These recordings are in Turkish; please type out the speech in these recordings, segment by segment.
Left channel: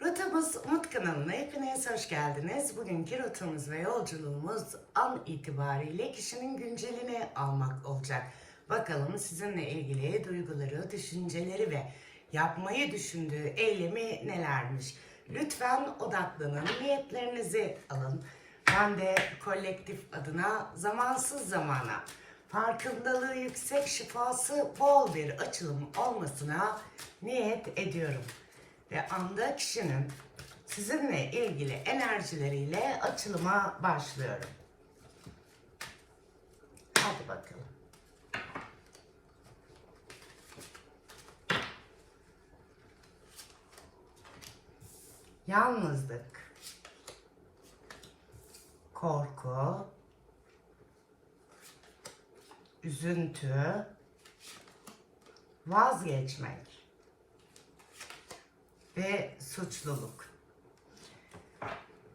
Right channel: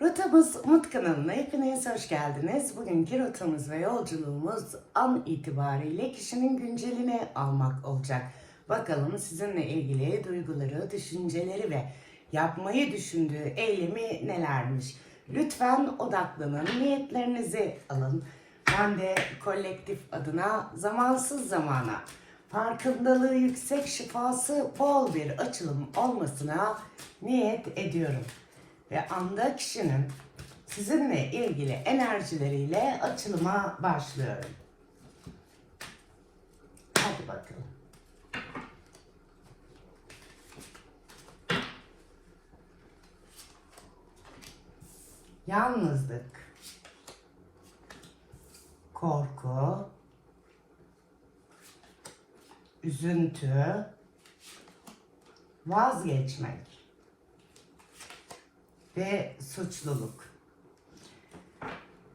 Rotamız Umut kanalına hepiniz hoş geldiniz. Bugünkü rotamız ve yolculuğumuz an itibariyle kişinin güncelini almak olacak. Bakalım sizinle ilgili duyguları, düşünceleri ve yapmayı düşündüğü eylemi nelermiş? Lütfen odaklanın, niyetlerinizi alın. Ben de kolektif adına zamansız zamana farkındalığı yüksek şifası bol bir açılım olmasına niyet ediyorum. Ve anda kişinin sizinle ilgili enerjileriyle açılıma başlıyorum. Hadi bakalım. Yalnızlık, korku, üzüntü, vazgeçmek ve suçluluk.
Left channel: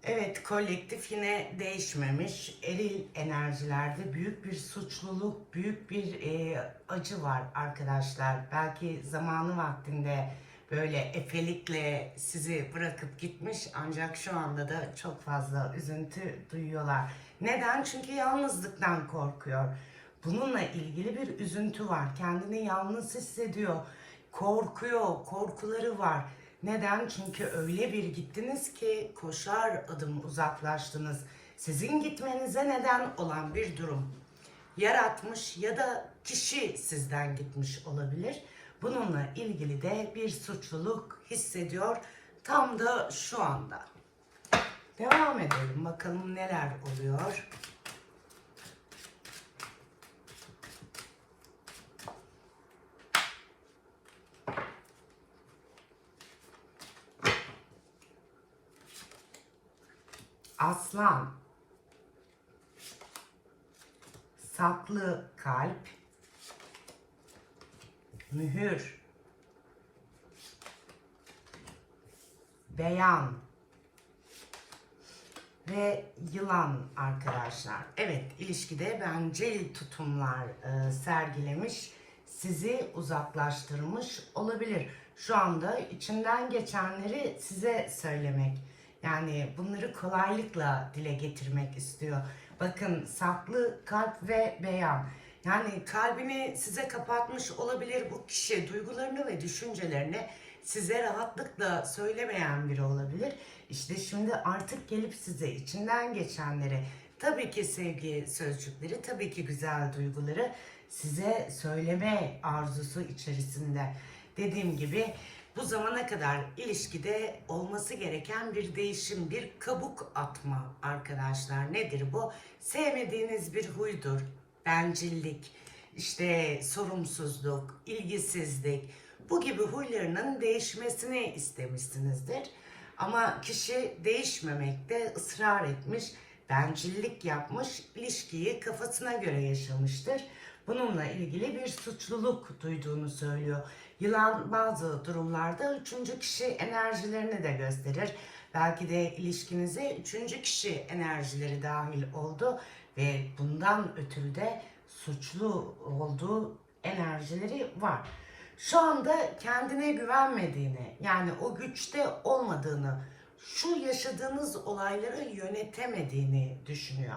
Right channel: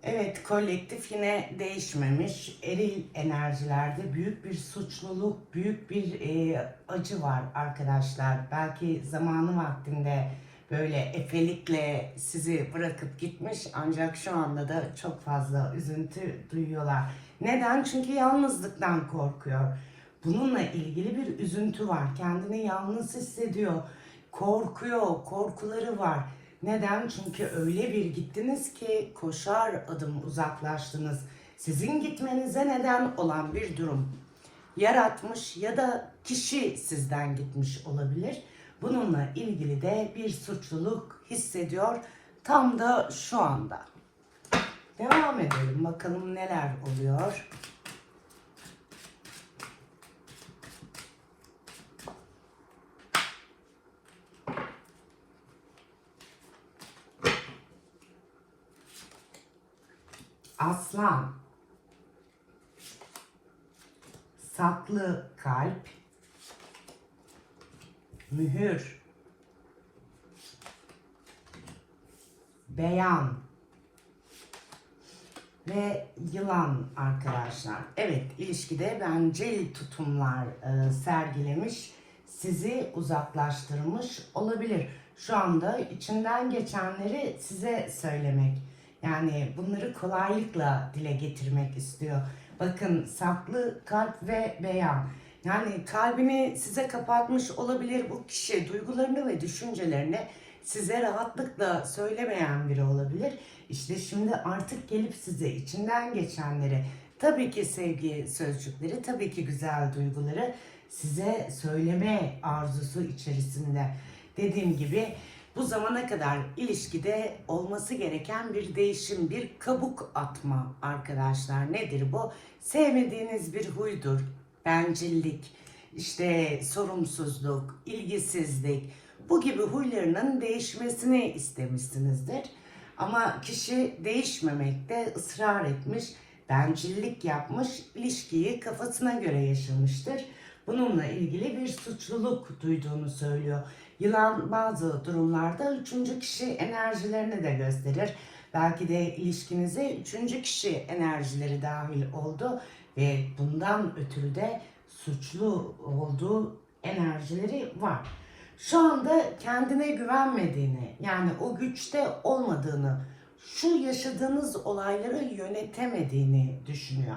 Evet, kolektif yine değişmemiş. Eril enerjilerde büyük bir suçluluk, büyük bir e, acı var arkadaşlar. Belki zamanı vaktinde böyle efelikle sizi bırakıp gitmiş ancak şu anda da çok fazla üzüntü duyuyorlar. Neden? Çünkü yalnızlıktan korkuyor. Bununla ilgili bir üzüntü var. Kendini yalnız hissediyor. Korkuyor, korkuları var. Neden? Çünkü öyle bir gittiniz ki koşar adım uzaklaştınız. Sizin gitmenize neden olan bir durum yaratmış ya da kişi sizden gitmiş olabilir. Bununla ilgili de bir suçluluk hissediyor tam da şu anda. Devam edelim bakalım neler oluyor. Aslan. Saklı kalp. Mühür. Beyan. Ve yılan arkadaşlar. Evet ilişkide bencil tutumlar e, sergilemiş. Sizi uzaklaştırmış olabilir. Şu anda içinden geçenleri size söylemek. Yani bunları kolaylıkla dile getirmek istiyor. Bakın saklı kalp ve beyan. Yani kalbini size kapatmış olabilir bu kişi. Duygularını ve düşüncelerini size rahatlıkla söylemeyen biri olabilir. İşte şimdi artık gelip size içinden geçenleri, tabii ki sevgi sözcükleri, tabii ki güzel duyguları size söyleme arzusu içerisinde. Dediğim gibi bu zamana kadar ilişkide olması gereken bir değişim, bir kabuk atma arkadaşlar. Nedir bu? Sevmediğiniz bir huydur. Bencillik, işte sorumsuzluk, ilgisizlik. Bu gibi huylarının değişmesini istemişsinizdir. Ama kişi değişmemekte ısrar etmiş, bencillik yapmış, ilişkiyi kafasına göre yaşamıştır. Bununla ilgili bir suçluluk duyduğunu söylüyor. Yılan bazı durumlarda üçüncü kişi enerjilerini de gösterir. Belki de ilişkinize üçüncü kişi enerjileri dahil oldu ve bundan ötürü de suçlu olduğu enerjileri var. Şu anda kendine güvenmediğini, yani o güçte olmadığını, şu yaşadığınız olayları yönetemediğini düşünüyor.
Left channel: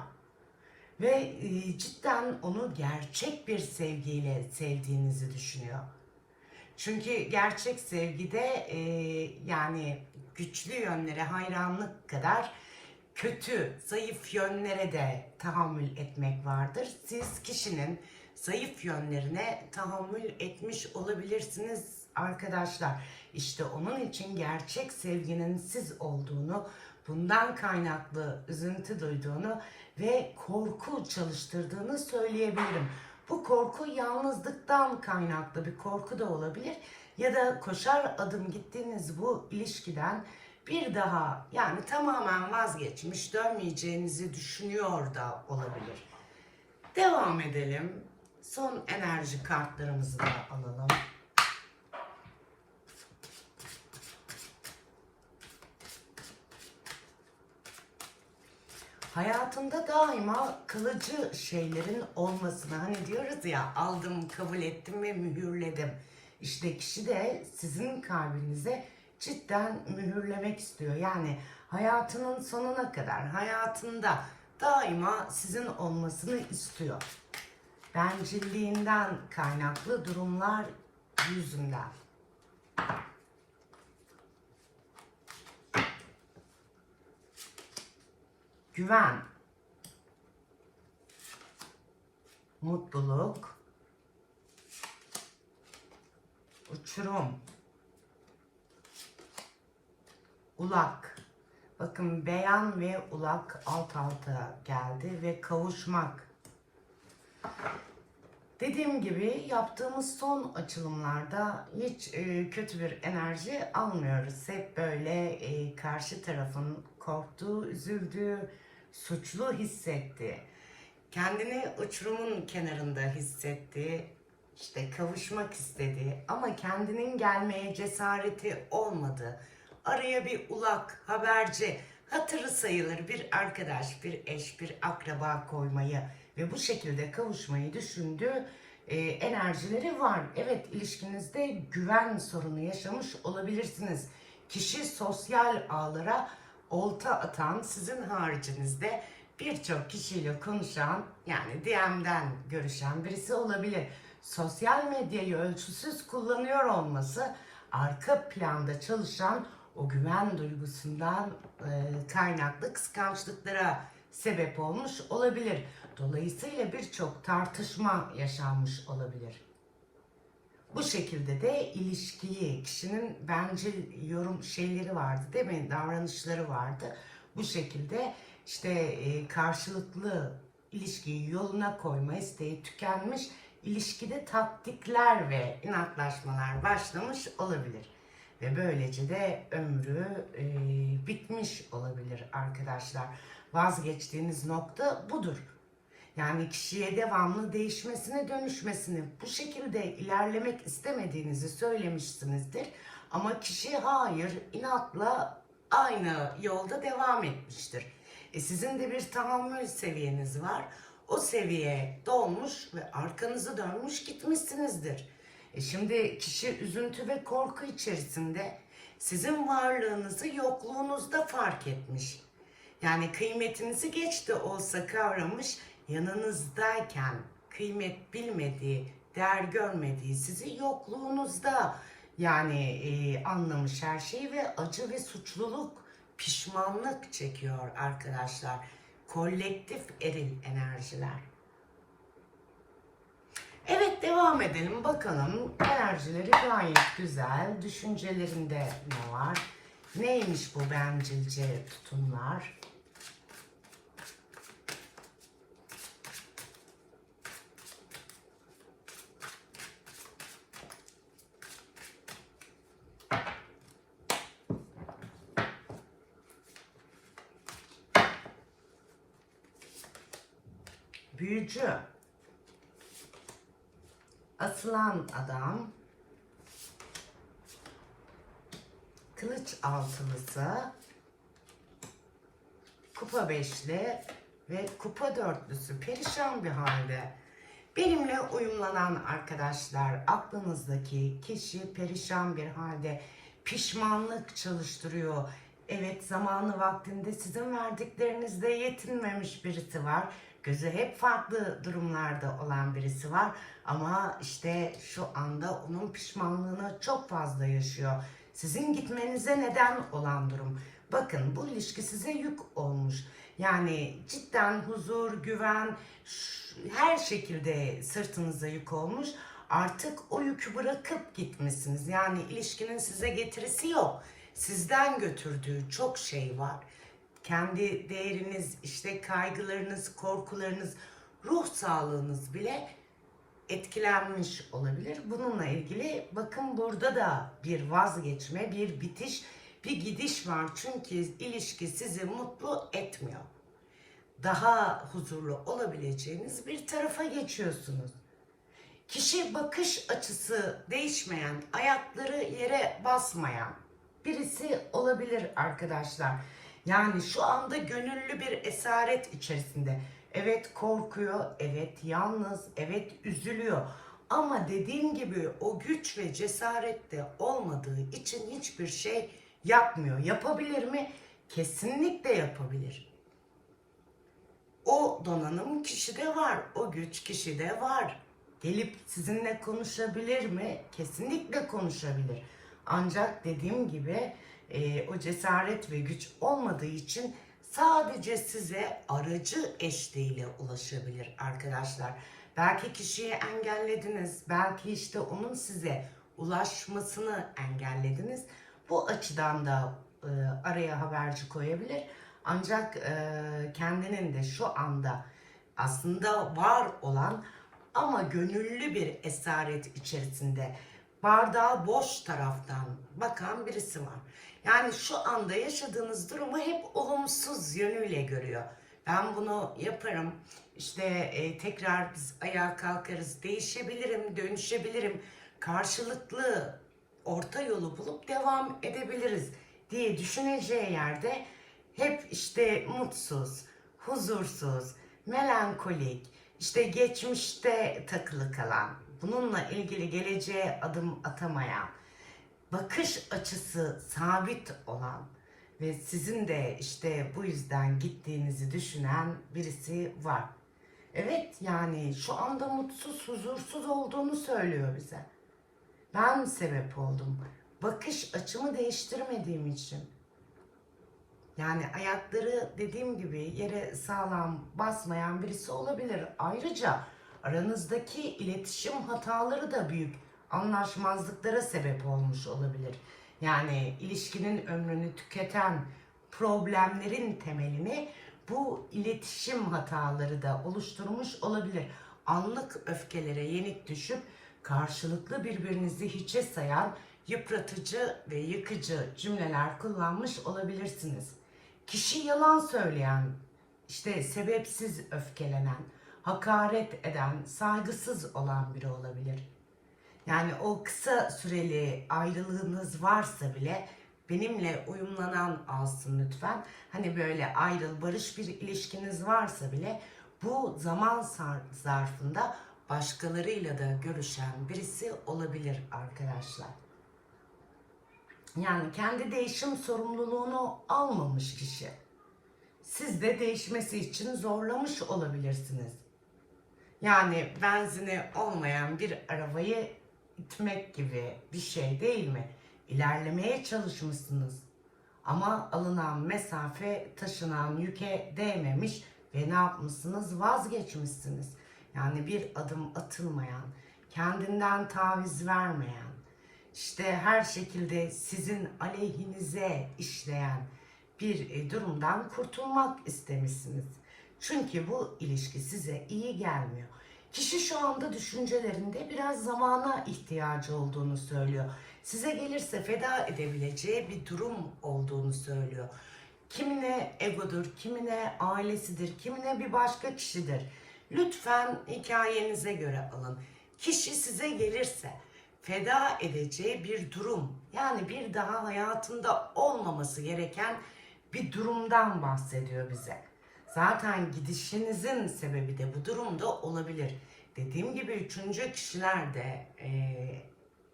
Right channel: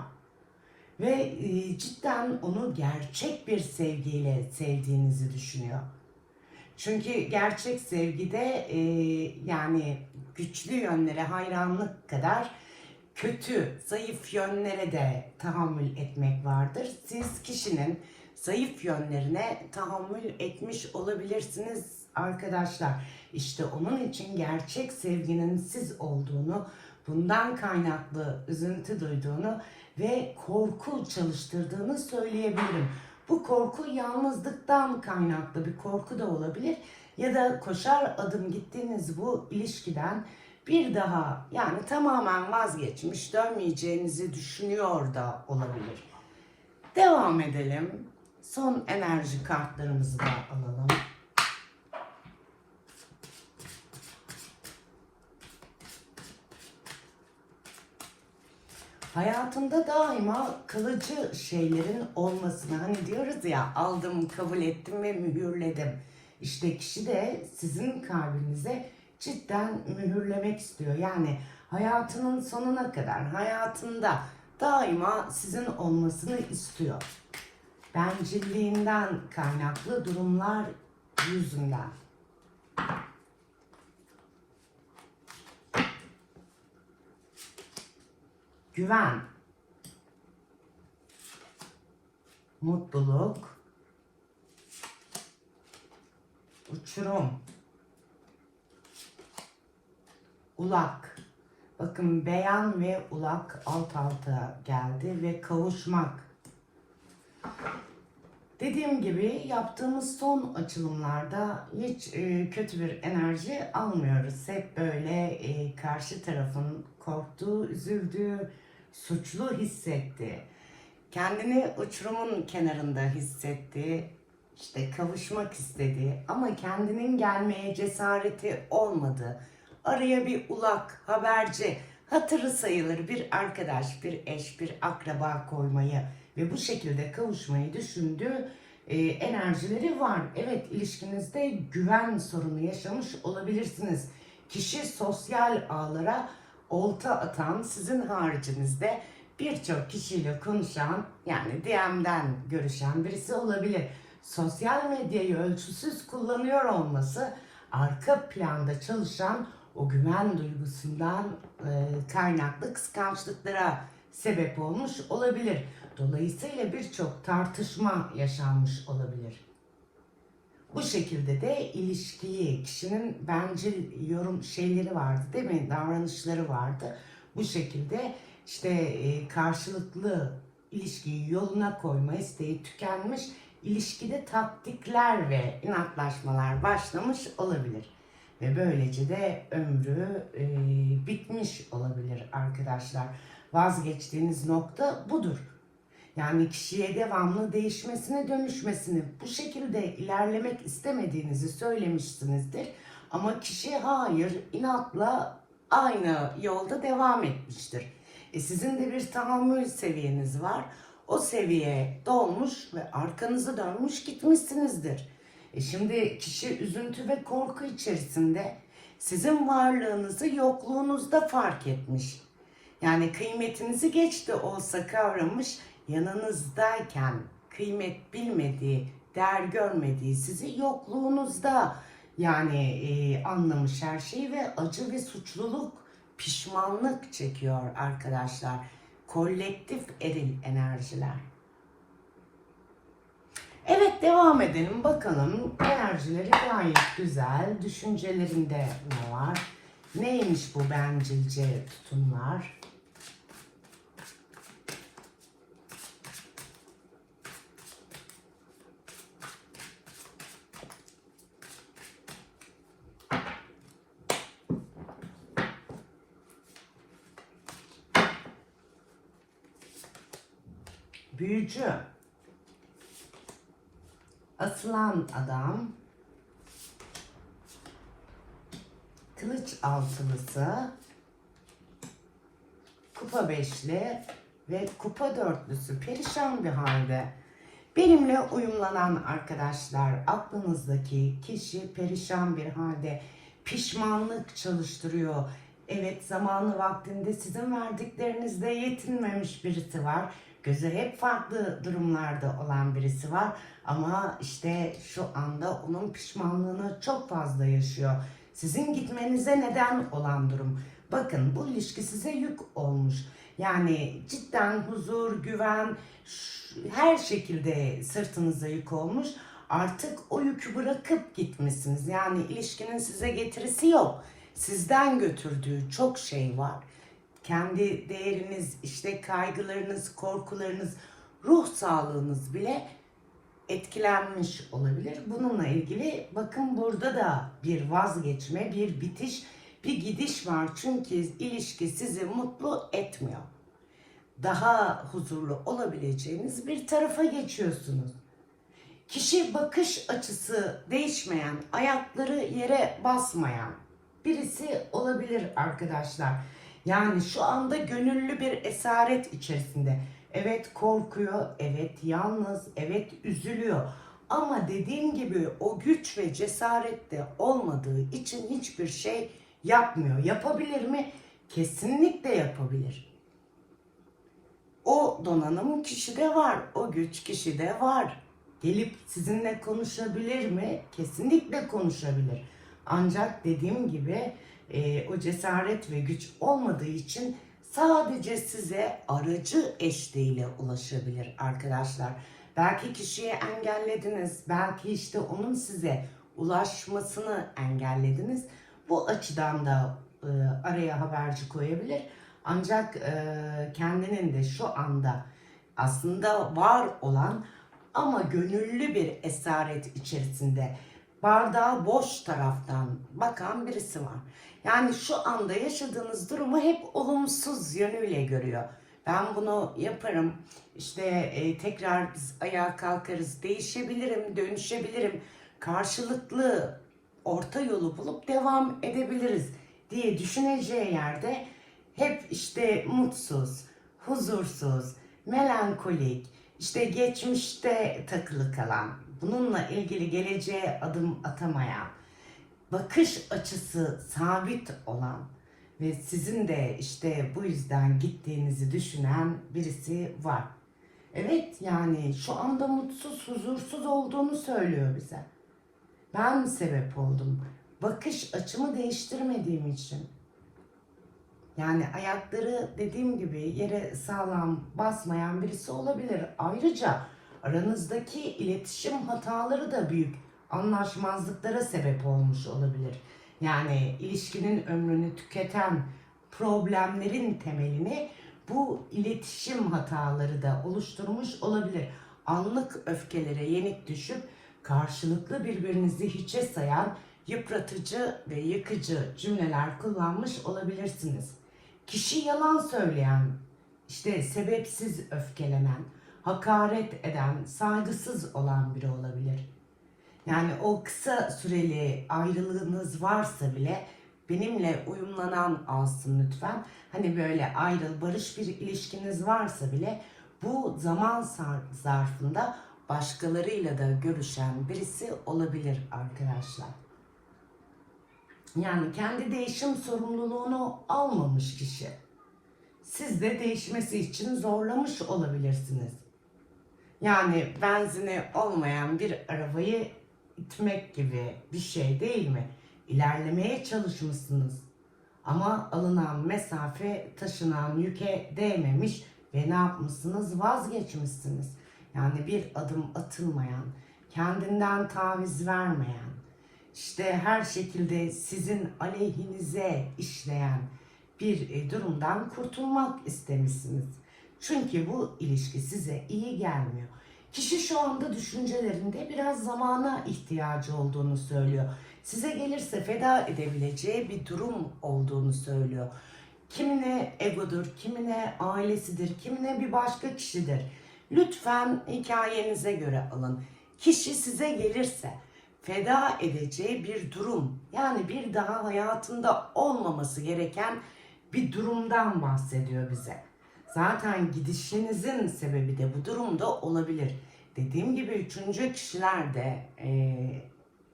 Ve e, cidden onu gerçek bir sevgiyle sevdiğinizi düşünüyor. Çünkü gerçek sevgide e, yani güçlü yönlere hayranlık kadar kötü, zayıf yönlere de tahammül etmek vardır. Siz kişinin zayıf yönlerine tahammül etmiş olabilirsiniz arkadaşlar. İşte onun için gerçek sevginin siz olduğunu, bundan kaynaklı üzüntü duyduğunu ve korku çalıştırdığını söyleyebilirim. Bu korku yalnızlıktan kaynaklı bir korku da olabilir ya da koşar adım gittiğiniz bu ilişkiden bir daha yani tamamen vazgeçmiş dönmeyeceğinizi düşünüyor da olabilir. Devam edelim. Son enerji kartlarımızı da alalım. Hayatında daima kalıcı şeylerin olmasını hani diyoruz ya aldım, kabul ettim ve mühürledim. İşte kişi de sizin kalbinize cidden mühürlemek istiyor. Yani hayatının sonuna kadar hayatında daima sizin olmasını istiyor. Bencilliğinden kaynaklı durumlar yüzünden. Güven, mutluluk, uçurum, ulak. Bakın beyan ve ulak alt alta geldi ve kavuşmak. Dediğim gibi yaptığımız son açılımlarda hiç e, kötü bir enerji almıyoruz. Hep böyle e, karşı tarafın korktuğu, üzüldüğü, suçlu hissetti. Kendini uçurumun kenarında hissetti. işte kavuşmak istedi ama kendinin gelmeye cesareti olmadı. Araya bir ulak, haberci, hatırı sayılır bir arkadaş, bir eş, bir akraba koymayı ve bu şekilde kavuşmayı düşündüğü e, enerjileri var. Evet ilişkinizde güven sorunu yaşamış olabilirsiniz. Kişi sosyal ağlara olta atan sizin haricinizde birçok kişiyle konuşan yani DM'den görüşen birisi olabilir. Sosyal medyayı ölçüsüz kullanıyor olması arka planda çalışan o güven duygusundan e, kaynaklı kıskançlıklara sebep olmuş olabilir. Dolayısıyla birçok tartışma yaşanmış olabilir. Bu şekilde de ilişkiyi, kişinin bencil yorum şeyleri vardı değil mi? Davranışları vardı. Bu şekilde işte e, karşılıklı ilişkiyi yoluna koyma isteği tükenmiş, ilişkide taktikler ve inatlaşmalar başlamış olabilir. Ve böylece de ömrü e, bitmiş olabilir arkadaşlar. Vazgeçtiğiniz nokta budur. Yani kişiye devamlı değişmesine, dönüşmesini, bu şekilde ilerlemek istemediğinizi söylemişsinizdir. Ama kişi hayır, inatla aynı yolda devam etmiştir. E sizin de bir tahammül seviyeniz var. O seviye dolmuş ve arkanızı dönmüş gitmişsinizdir. E şimdi kişi üzüntü ve korku içerisinde sizin varlığınızı yokluğunuzda fark etmiş. Yani kıymetinizi geçti olsa kavramış, yanınızdayken kıymet bilmediği, değer görmediği sizi yokluğunuzda yani e, anlamış her şeyi ve acı ve suçluluk, pişmanlık çekiyor arkadaşlar. Kolektif eril enerjiler. Evet devam edelim bakalım enerjileri gayet güzel. Düşüncelerinde ne var? Neymiş bu bencilce tutumlar? Büyücü. Asılan adam. Kılıç altılısı. Kupa beşli ve kupa dörtlüsü perişan bir halde. Benimle uyumlanan arkadaşlar aklınızdaki kişi perişan bir halde pişmanlık çalıştırıyor. Evet zamanı vaktinde sizin verdiklerinizde yetinmemiş birisi var. Gözü hep farklı durumlarda olan birisi var. Ama işte şu anda onun pişmanlığını çok fazla yaşıyor. Sizin gitmenize neden olan durum. Bakın bu ilişki size yük olmuş. Yani cidden huzur, güven, her şekilde sırtınıza yük olmuş. Artık o yükü bırakıp gitmişsiniz. Yani ilişkinin size getirisi yok. Sizden götürdüğü çok şey var. Kendi değeriniz, işte kaygılarınız, korkularınız, ruh sağlığınız bile etkilenmiş olabilir. Bununla ilgili bakın burada da bir vazgeçme, bir bitiş, bir gidiş var. Çünkü ilişki sizi mutlu etmiyor. Daha huzurlu olabileceğiniz bir tarafa geçiyorsunuz. Kişi bakış açısı değişmeyen, ayakları yere basmayan birisi olabilir arkadaşlar. Yani şu anda gönüllü bir esaret içerisinde. Evet korkuyor, evet yalnız, evet üzülüyor. Ama dediğim gibi o güç ve cesaret de olmadığı için hiçbir şey Yapmıyor. Yapabilir mi? Kesinlikle yapabilir. O donanım kişide var. O güç kişide var. Gelip sizinle konuşabilir mi? Kesinlikle konuşabilir. Ancak dediğim gibi e, o cesaret ve güç olmadığı için sadece size aracı eşliğiyle ulaşabilir arkadaşlar. Belki kişiyi engellediniz. Belki işte onun size ulaşmasını engellediniz. Bu açıdan da e, araya haberci koyabilir. Ancak e, kendinin de şu anda aslında var olan ama gönüllü bir esaret içerisinde bardağı boş taraftan bakan birisi var. Yani şu anda yaşadığınız durumu hep olumsuz yönüyle görüyor. Ben bunu yaparım. İşte e, tekrar biz ayağa kalkarız, değişebilirim, dönüşebilirim. Karşılıklı orta yolu bulup devam edebiliriz diye düşüneceği yerde hep işte mutsuz, huzursuz, melankolik, işte geçmişte takılı kalan, bununla ilgili geleceğe adım atamayan, bakış açısı sabit olan ve sizin de işte bu yüzden gittiğinizi düşünen birisi var. Evet yani şu anda mutsuz, huzursuz olduğunu söylüyor bize. Ben sebep oldum. Bakış açımı değiştirmediğim için. Yani ayakları dediğim gibi yere sağlam basmayan birisi olabilir. Ayrıca aranızdaki iletişim hataları da büyük anlaşmazlıklara sebep olmuş olabilir. Yani ilişkinin ömrünü tüketen problemlerin temelini bu iletişim hataları da oluşturmuş olabilir. Anlık öfkelere yenik düşüp karşılıklı birbirinizi hiçe sayan yıpratıcı ve yıkıcı cümleler kullanmış olabilirsiniz. Kişi yalan söyleyen, işte sebepsiz öfkelenen, hakaret eden, saygısız olan biri olabilir. Yani o kısa süreli ayrılığınız varsa bile benimle uyumlanan alsın lütfen. Hani böyle ayrıl barış bir ilişkiniz varsa bile bu zaman zarfında başkalarıyla da görüşen birisi olabilir arkadaşlar. Yani kendi değişim sorumluluğunu almamış kişi. Siz de değişmesi için zorlamış olabilirsiniz. Yani benzini olmayan bir arabayı itmek gibi bir şey değil mi? İlerlemeye çalışmışsınız. Ama alınan mesafe taşınan yüke değmemiş ve ne yapmışsınız? Vazgeçmişsiniz. Yani bir adım atılmayan, kendinden taviz vermeyen, işte her şekilde sizin aleyhinize işleyen bir e, durumdan kurtulmak istemişsiniz. Çünkü bu ilişki size iyi gelmiyor. Kişi şu anda düşüncelerinde biraz zamana ihtiyacı olduğunu söylüyor. Size gelirse feda edebileceği bir durum olduğunu söylüyor. Kimine egodur, kimine ailesidir, kimine bir başka kişidir. Lütfen hikayenize göre alın. Kişi size gelirse feda edeceği bir durum, yani bir daha hayatında olmaması gereken bir durumdan bahsediyor bize. Zaten gidişinizin sebebi de bu durumda olabilir. Dediğim gibi üçüncü kişiler de eee,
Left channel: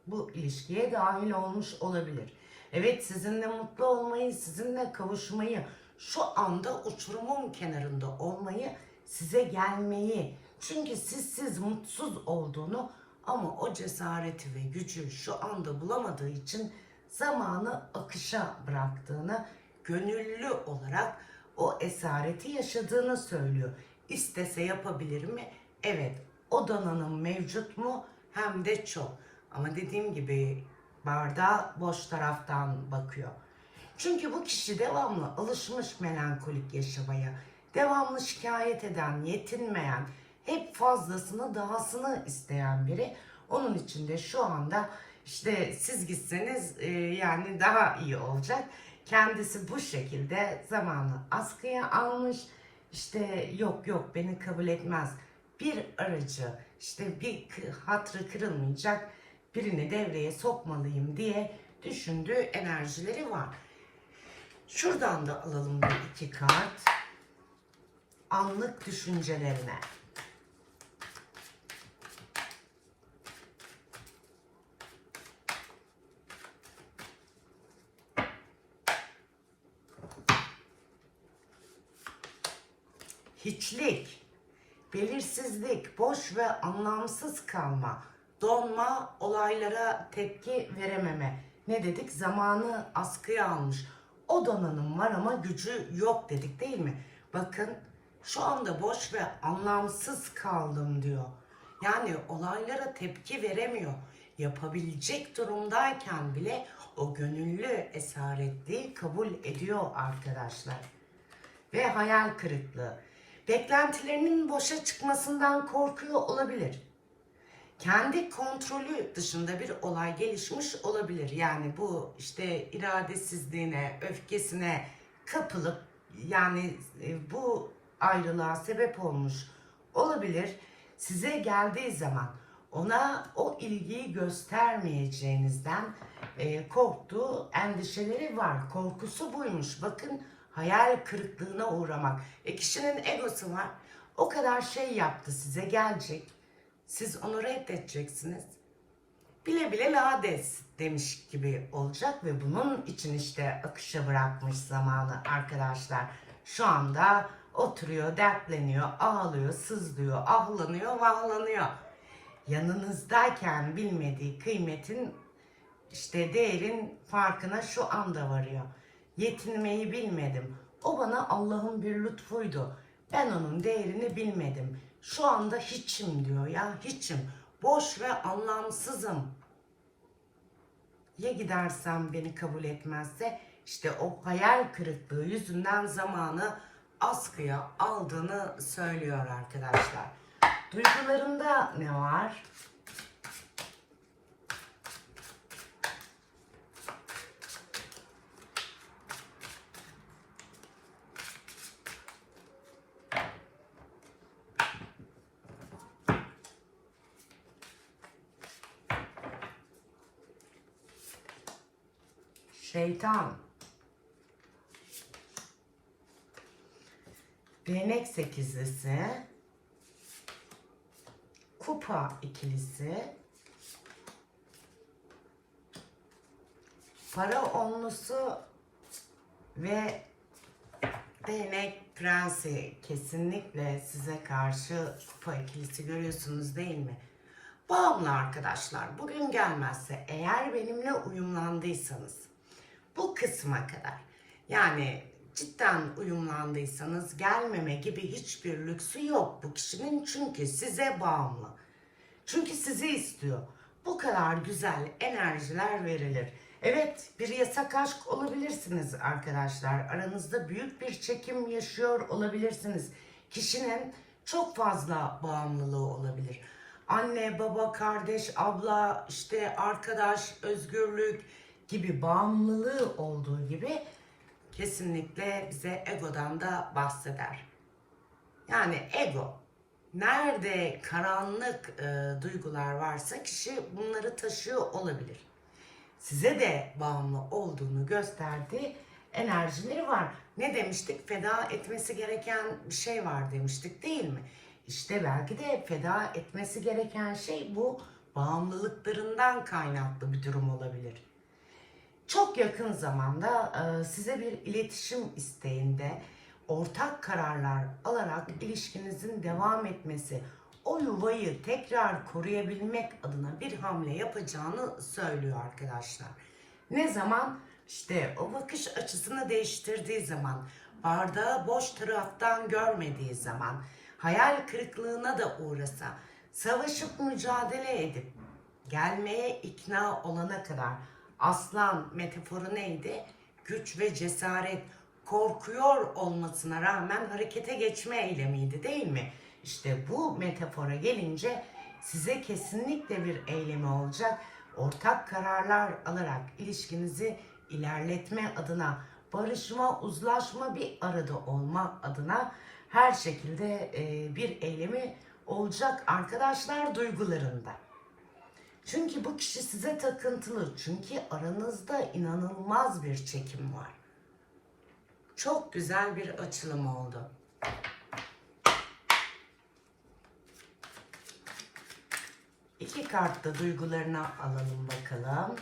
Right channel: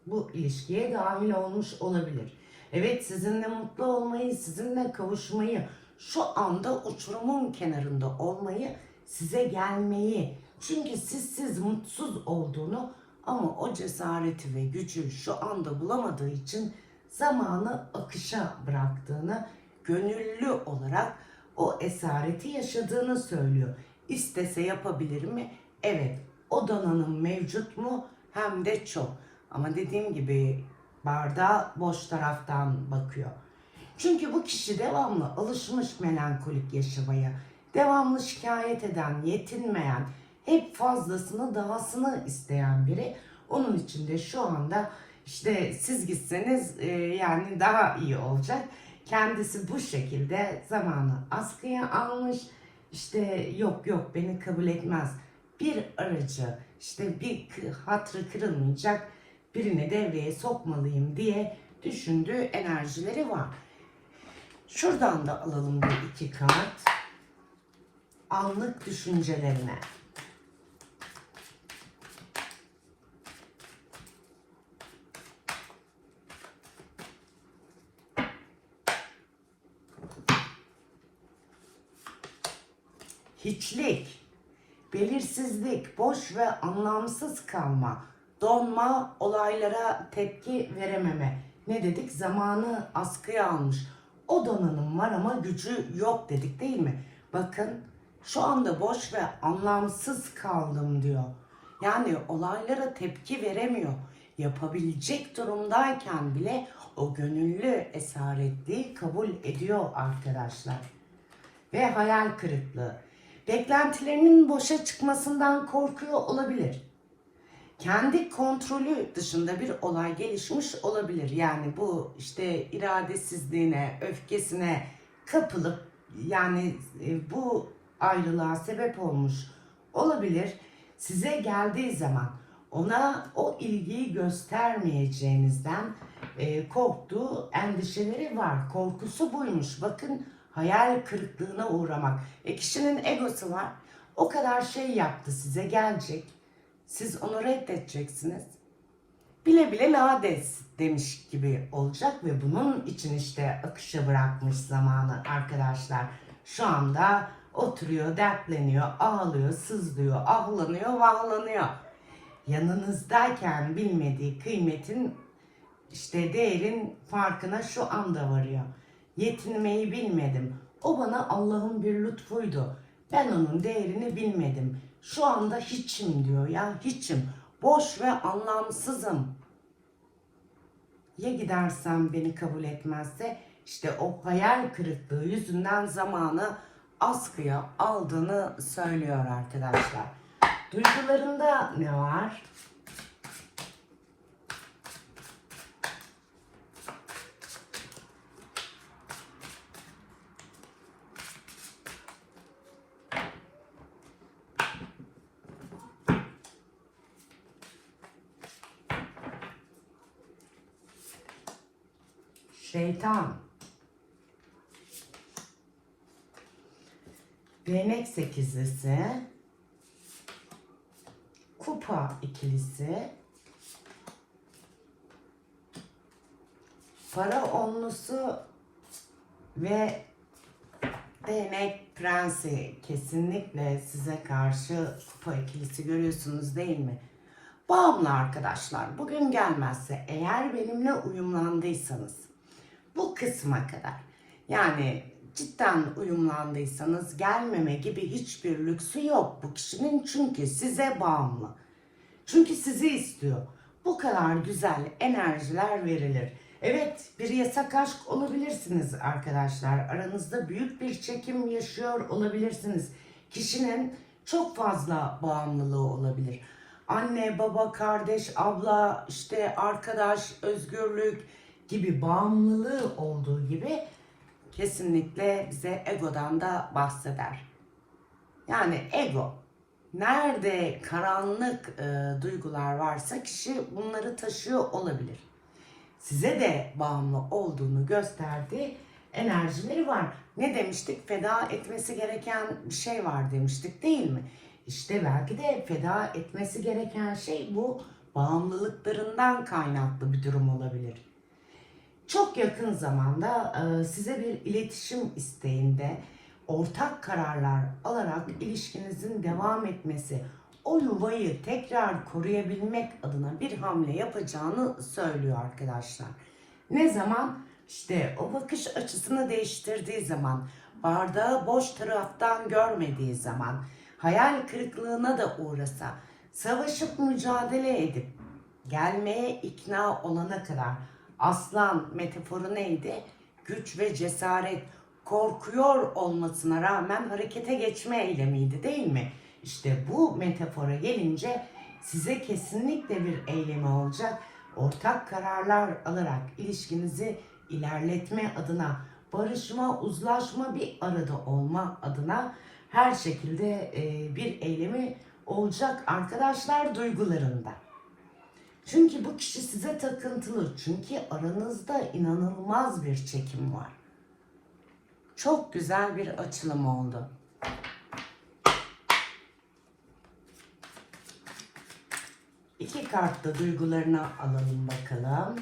bu ilişkiye dahil olmuş olabilir. Evet sizinle mutlu olmayı, sizinle kavuşmayı, şu anda uçurumun kenarında olmayı, size gelmeyi. Çünkü siz siz mutsuz olduğunu ama o cesareti ve gücü şu anda bulamadığı için zamanı akışa bıraktığını, gönüllü olarak o esareti yaşadığını söylüyor. İstese yapabilir mi? Evet. O donanım mevcut mu? Hem de çok. Ama dediğim gibi bardağı boş taraftan bakıyor. Çünkü bu kişi devamlı alışmış melankolik yaşamaya, devamlı şikayet eden, yetinmeyen, hep fazlasını, dahasını isteyen biri. Onun için de şu anda işte siz gitseniz e, yani daha iyi olacak. Kendisi bu şekilde zamanı askıya almış. İşte yok yok beni kabul etmez. Bir aracı işte bir hatrı kırılmayacak birini devreye sokmalıyım diye düşündüğü enerjileri var. Şuradan da alalım bir iki kart. Anlık düşüncelerine. Hiçlik, belirsizlik, boş ve anlamsız kalma, donma, olaylara tepki verememe. Ne dedik? Zamanı askıya almış. O donanım var ama gücü yok dedik değil mi? Bakın şu anda boş ve anlamsız kaldım diyor. Yani olaylara tepki veremiyor. Yapabilecek durumdayken bile o gönüllü esaretliği kabul ediyor arkadaşlar. Ve hayal kırıklığı. Beklentilerinin boşa çıkmasından korkuyor olabilir. Kendi kontrolü dışında bir olay gelişmiş olabilir. Yani bu işte iradesizliğine, öfkesine kapılıp yani e, bu ayrılığa sebep olmuş olabilir. Size geldiği zaman ona o ilgiyi göstermeyeceğinizden e, korktuğu endişeleri var. Korkusu buymuş. Bakın hayal kırıklığına uğramak. E kişinin egosu var. O kadar şey yaptı size gelecek. Siz onu reddedeceksiniz. Bile bile lades demiş gibi olacak ve bunun için işte akışa bırakmış zamanı arkadaşlar. Şu anda oturuyor, dertleniyor, ağlıyor, sızlıyor, ahlanıyor, vahlanıyor. Yanınızdayken bilmediği kıymetin işte değerin farkına şu anda varıyor. Yetinmeyi bilmedim. O bana Allah'ın bir lütfuydu. Ben onun değerini bilmedim. Şu anda hiçim diyor ya hiçim. Boş ve anlamsızım. Ya gidersem beni kabul etmezse işte o hayal kırıklığı yüzünden zamanı askıya aldığını söylüyor arkadaşlar. Duygularında ne var? Şeytan. Değnek sekizlisi. Kupa ikilisi. Para onlusu ve değnek prensi kesinlikle size karşı kupa ikilisi görüyorsunuz değil mi? Bağımlı arkadaşlar bugün gelmezse eğer benimle uyumlandıysanız bu kısma kadar yani cidden uyumlandıysanız gelmeme gibi hiçbir lüksü yok bu kişinin çünkü size bağımlı. Çünkü sizi istiyor. Bu kadar güzel enerjiler verilir. Evet bir yasak aşk olabilirsiniz arkadaşlar. Aranızda büyük bir çekim yaşıyor olabilirsiniz. Kişinin çok fazla bağımlılığı olabilir. Anne, baba, kardeş, abla, işte arkadaş, özgürlük gibi bağımlılığı olduğu gibi kesinlikle bize egodan da bahseder. Yani ego nerede karanlık e, duygular varsa kişi bunları taşıyor olabilir. Size de bağımlı olduğunu gösterdiği enerjileri var. Ne demiştik? Feda etmesi gereken bir şey var demiştik değil mi? İşte belki de feda etmesi gereken şey bu bağımlılıklarından kaynaklı bir durum olabilir. Çok yakın zamanda e, size bir iletişim isteğinde ortak kararlar alarak ilişkinizin devam etmesi, o yuvayı tekrar koruyabilmek adına bir hamle yapacağını söylüyor arkadaşlar. Ne zaman? İşte o bakış açısını değiştirdiği zaman, bardağı boş taraftan görmediği zaman, hayal kırıklığına da uğrasa, savaşıp mücadele edip gelmeye ikna olana kadar aslan metaforu neydi? Güç ve cesaret, korkuyor olmasına rağmen harekete geçme eylemiydi değil mi? İşte bu metafora gelince size kesinlikle bir eylemi olacak. Ortak kararlar alarak ilişkinizi ilerletme adına, barışma, uzlaşma, bir arada olma adına her şekilde e, bir eylemi olacak arkadaşlar duygularında. Çünkü bu kişi size takıntılı. Çünkü aranızda inanılmaz bir çekim var. Çok güzel bir açılım oldu. İki kartta duygularını alalım bakalım.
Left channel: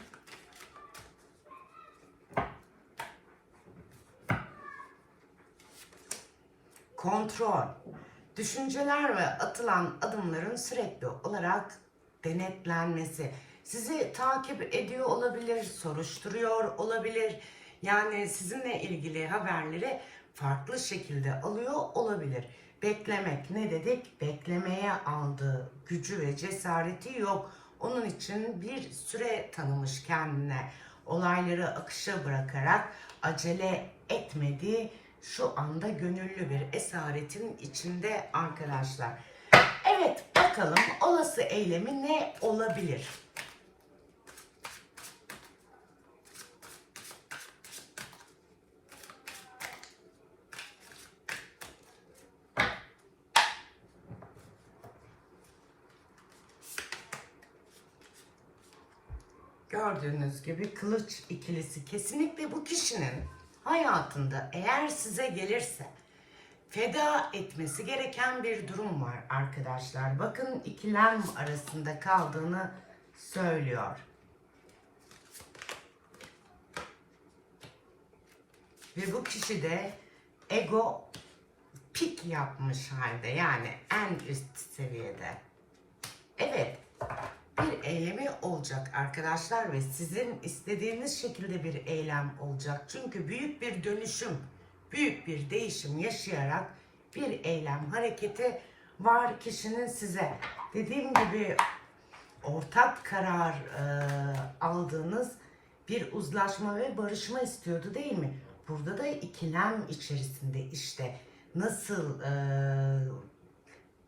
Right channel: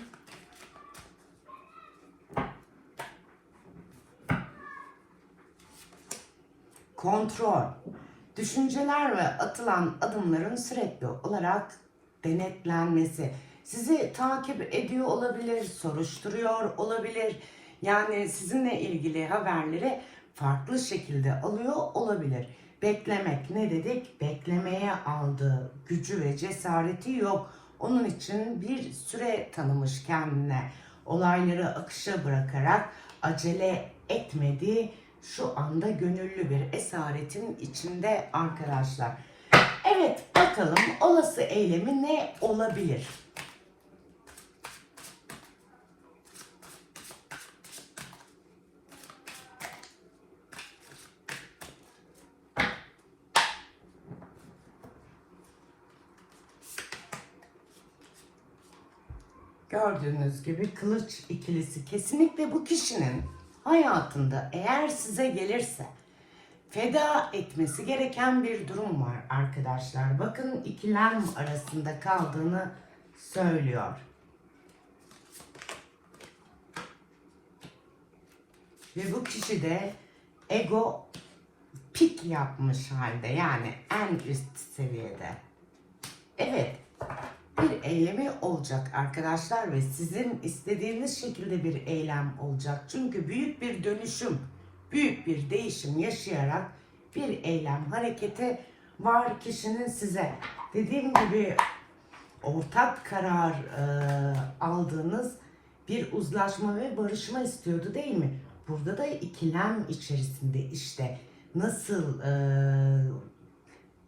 kontrol, düşünceler ve atılan adımların sürekli olarak denetlenmesi, sizi takip ediyor olabilir, soruşturuyor olabilir. Yani sizinle ilgili haberleri farklı şekilde alıyor olabilir. Beklemek ne dedik? Beklemeye aldığı gücü ve cesareti yok. Onun için bir süre tanımış kendine. Olayları akışa bırakarak acele etmediği şu anda gönüllü bir esaretin içinde arkadaşlar. Evet bakalım olası eylemi ne olabilir? Gördüğünüz gibi kılıç ikilisi kesinlikle bu kişinin hayatında eğer size gelirse feda etmesi gereken bir durum var arkadaşlar. Bakın ikilem arasında kaldığını söylüyor. Ve bu kişi de ego pik yapmış halde yani en üst seviyede. Evet bir eylemi olacak arkadaşlar ve sizin istediğiniz şekilde bir eylem olacak. Çünkü büyük bir dönüşüm, büyük bir değişim yaşayarak bir eylem hareketi var kişinin size. Dediğim gibi ortak karar e, aldığınız bir uzlaşma ve barışma istiyordu değil mi? Burada da ikilem içerisinde işte nasıl e,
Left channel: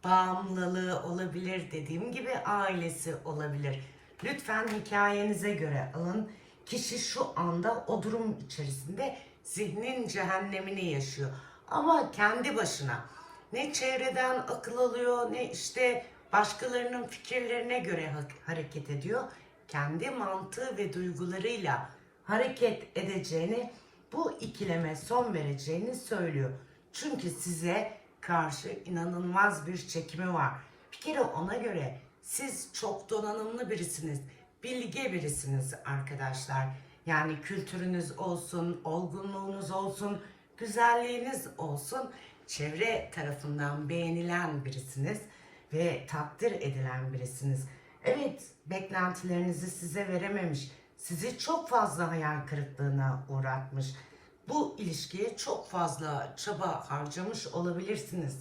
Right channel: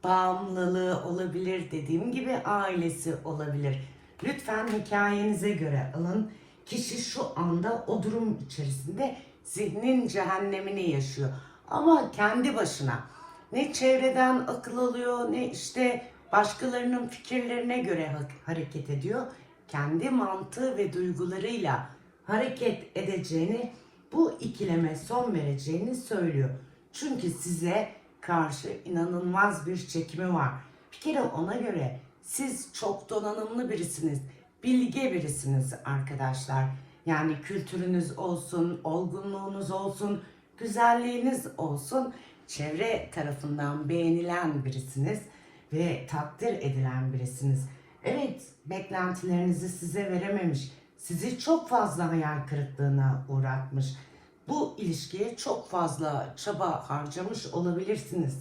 bağımlılığı olabilir dediğim gibi ailesi olabilir. Lütfen hikayenize göre alın. Kişi şu anda o durum içerisinde zihnin cehennemini yaşıyor. Ama kendi başına ne çevreden akıl alıyor ne işte başkalarının fikirlerine göre ha- hareket ediyor. Kendi mantığı ve duygularıyla hareket edeceğini, bu ikileme son vereceğini söylüyor. Çünkü size karşı inanılmaz bir çekimi var. Bir kere ona göre siz çok donanımlı birisiniz, bilge birisiniz arkadaşlar. Yani kültürünüz olsun, olgunluğunuz olsun, güzelliğiniz olsun, çevre tarafından beğenilen birisiniz ve takdir edilen birisiniz. Evet, beklentilerinizi size verememiş, sizi çok fazla hayal kırıklığına uğratmış. Bu ilişkiye çok fazla çaba harcamış olabilirsiniz.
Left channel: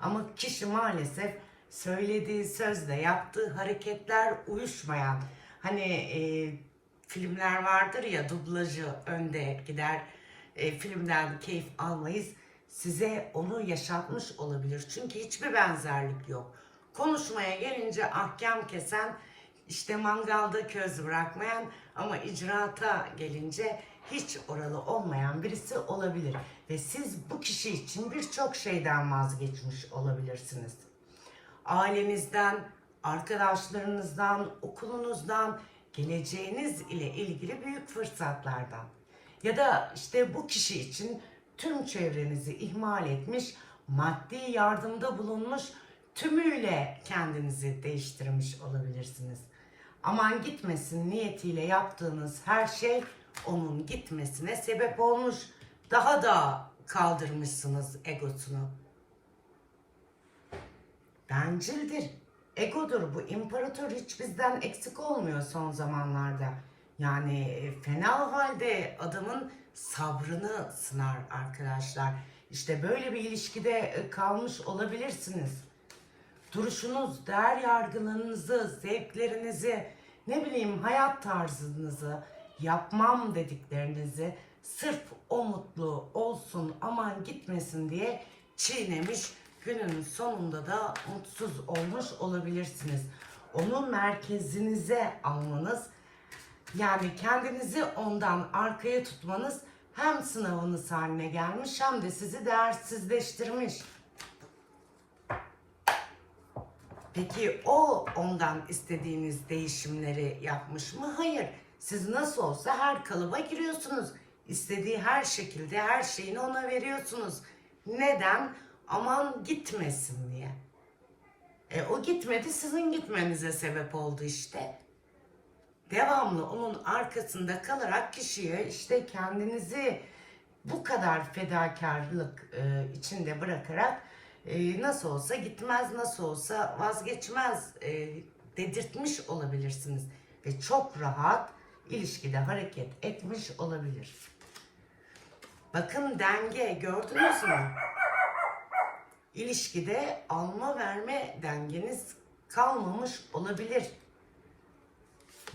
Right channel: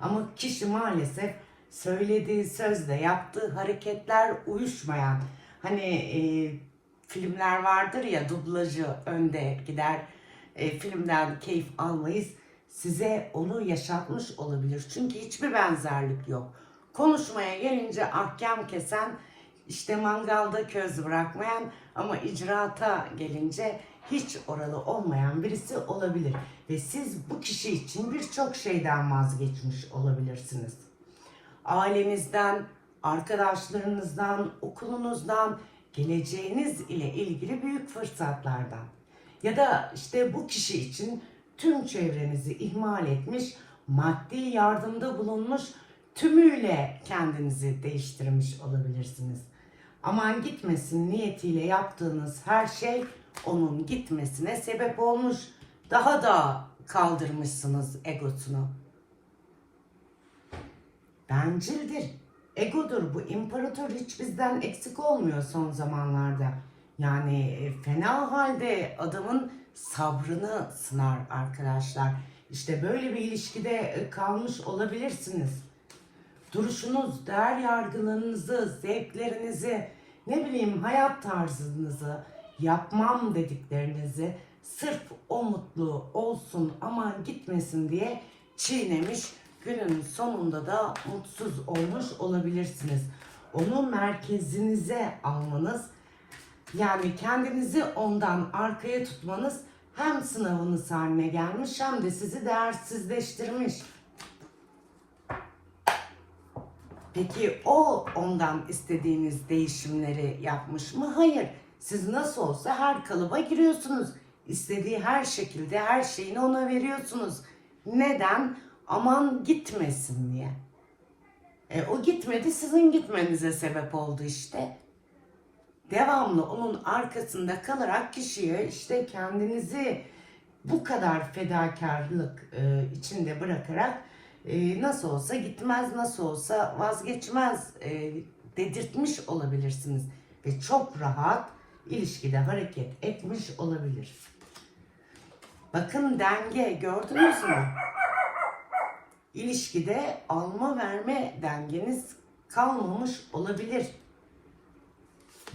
Ama kişi maalesef söylediği sözle yaptığı hareketler uyuşmayan hani e, filmler vardır ya dublajı önde gider e, filmden keyif almayız. Size onu yaşatmış olabilir. Çünkü hiçbir benzerlik yok. Konuşmaya gelince ahkam kesen işte mangalda köz bırakmayan ama icraata gelince hiç oralı olmayan birisi olabilir. Ve siz bu kişi için birçok şeyden vazgeçmiş olabilirsiniz. Ailenizden, arkadaşlarınızdan, okulunuzdan, geleceğiniz ile ilgili büyük fırsatlardan. Ya da işte bu kişi için tüm çevrenizi ihmal etmiş, maddi yardımda bulunmuş, tümüyle kendinizi değiştirmiş olabilirsiniz. Aman gitmesin niyetiyle yaptığınız her şey onun gitmesine sebep olmuş. Daha da kaldırmışsınız egosunu bencildir. Egodur bu. İmparator hiç bizden eksik olmuyor son zamanlarda. Yani e, fena halde adamın sabrını sınar arkadaşlar. İşte böyle bir ilişkide e, kalmış olabilirsiniz. Duruşunuz, değer yargılarınızı, zevklerinizi, ne bileyim hayat tarzınızı, yapmam dediklerinizi sırf o mutlu olsun aman gitmesin diye çiğnemiş günün sonunda da mutsuz olmuş olabilirsiniz. Onu merkezinize almanız yani kendinizi ondan arkaya tutmanız hem sınavınız haline gelmiş hem de sizi değersizleştirmiş. Peki o ondan istediğiniz değişimleri yapmış mı? Hayır. Siz nasıl olsa her kalıba giriyorsunuz. İstediği her şekilde her şeyini ona veriyorsunuz. Neden? Aman gitmesin diye. E, o gitmedi sizin gitmenize sebep oldu işte. Devamlı onun arkasında kalarak kişiye işte kendinizi bu kadar fedakarlık e, içinde bırakarak e, nasıl olsa gitmez, nasıl olsa vazgeçmez e, dedirtmiş olabilirsiniz. Ve çok rahat ilişkide hareket etmiş olabilir. Bakın denge gördünüz mü? İlişkide alma verme dengeniz kalmamış olabilir.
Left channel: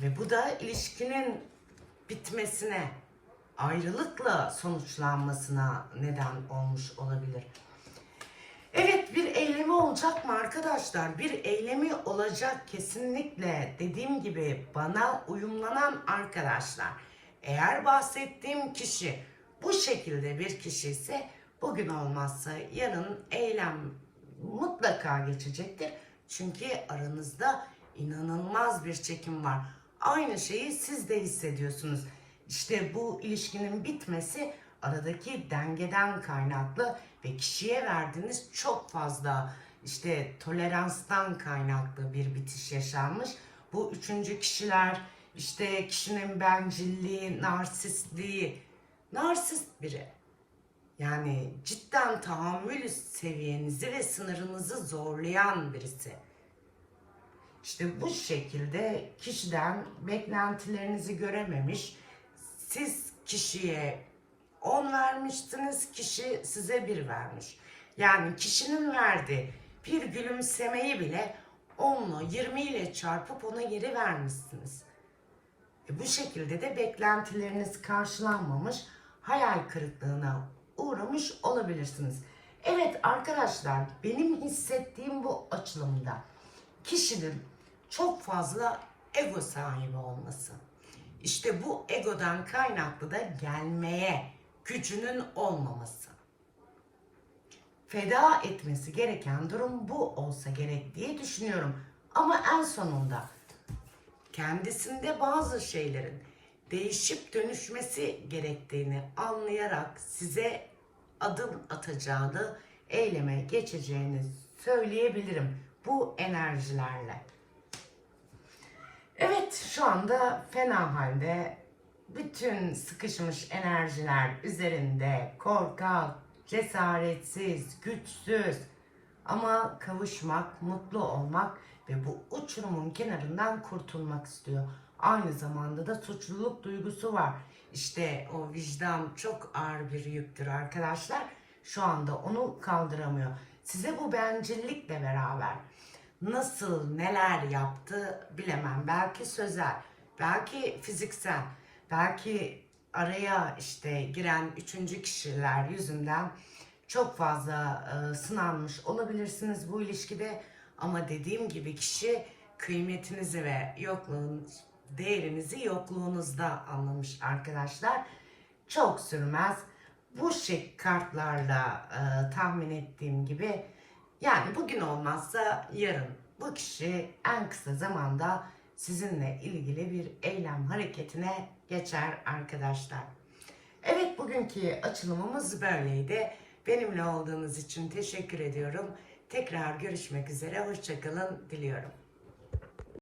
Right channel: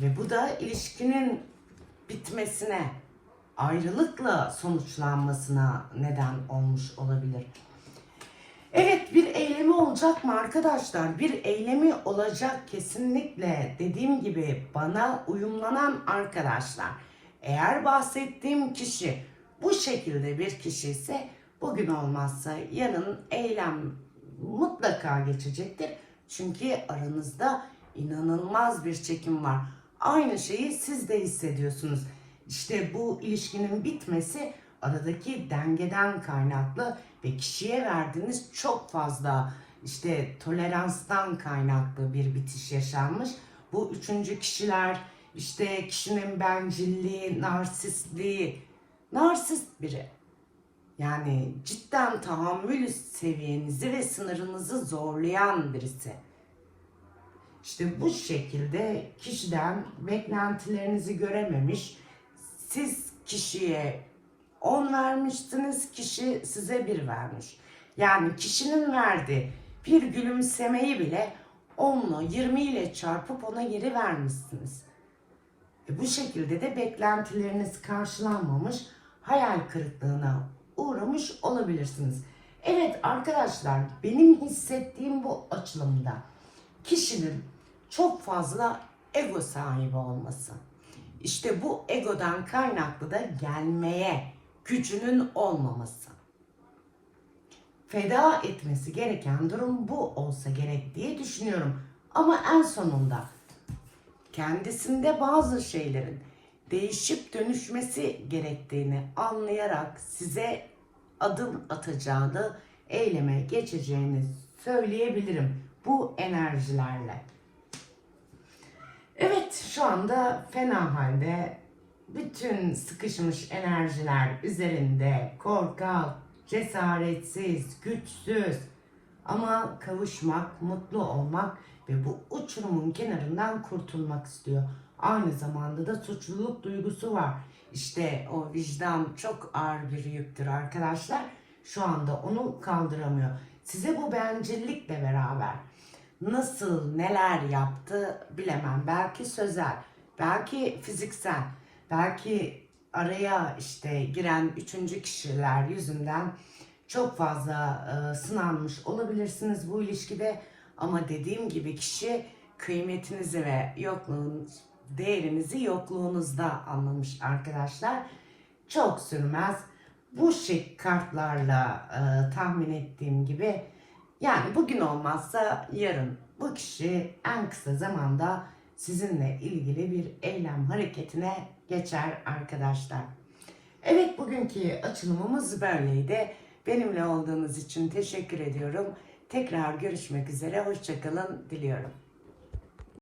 Ve bu da ilişkinin bitmesine, ayrılıkla sonuçlanmasına neden olmuş olabilir. Evet bir eylemi olacak mı arkadaşlar? Bir eylemi olacak kesinlikle dediğim gibi bana uyumlanan arkadaşlar. Eğer bahsettiğim kişi bu şekilde bir kişi ise bugün olmazsa yarın eylem mutlaka geçecektir. Çünkü aranızda inanılmaz bir çekim var. Aynı şeyi siz de hissediyorsunuz. İşte bu ilişkinin bitmesi aradaki dengeden kaynaklı ve kişiye verdiğiniz çok fazla işte toleranstan kaynaklı bir bitiş yaşanmış. Bu üçüncü kişiler işte kişinin bencilliği, narsistliği, narsist biri. Yani cidden tahammül seviyenizi ve sınırınızı zorlayan birisi. İşte bu şekilde kişiden beklentilerinizi görememiş. Siz kişiye 10 vermiştiniz, kişi size 1 vermiş. Yani kişinin verdiği bir gülümsemeyi bile 10'lu 20 ile çarpıp ona geri vermişsiniz. E bu şekilde de beklentileriniz karşılanmamış, hayal kırıklığına uğramış olabilirsiniz. Evet arkadaşlar benim hissettiğim bu açılımda kişinin çok fazla ego sahibi olması. İşte bu egodan kaynaklı da gelmeye gücünün olmaması. Feda etmesi gereken durum bu olsa gerek diye düşünüyorum. Ama en sonunda kendisinde bazı şeylerin değişip dönüşmesi gerektiğini anlayarak size adım atacağını, eyleme geçeceğini söyleyebilirim bu enerjilerle. Evet şu anda fena halde bütün sıkışmış enerjiler üzerinde korkak, cesaretsiz, güçsüz ama kavuşmak, mutlu olmak ve bu uçurumun kenarından kurtulmak istiyor. Aynı zamanda da suçluluk duygusu var. İşte o vicdan çok ağır bir yüktür arkadaşlar. Şu anda onu kaldıramıyor. Size bu bencillikle beraber nasıl neler yaptı bilemem. Belki sözel, belki fiziksel, belki araya işte giren üçüncü kişiler yüzünden çok fazla e, sınanmış olabilirsiniz bu ilişkide. Ama dediğim gibi kişi kıymetinizi ve yokluğunuz, değerinizi yokluğunuzda anlamış arkadaşlar. Çok sürmez. Bu şık kartlarla e, tahmin ettiğim gibi yani bugün olmazsa yarın bu kişi en kısa zamanda sizinle ilgili bir eylem hareketine geçer arkadaşlar. Evet bugünkü açılımımız böyleydi. Benimle olduğunuz için teşekkür ediyorum. Tekrar görüşmek üzere. Hoşçakalın diliyorum.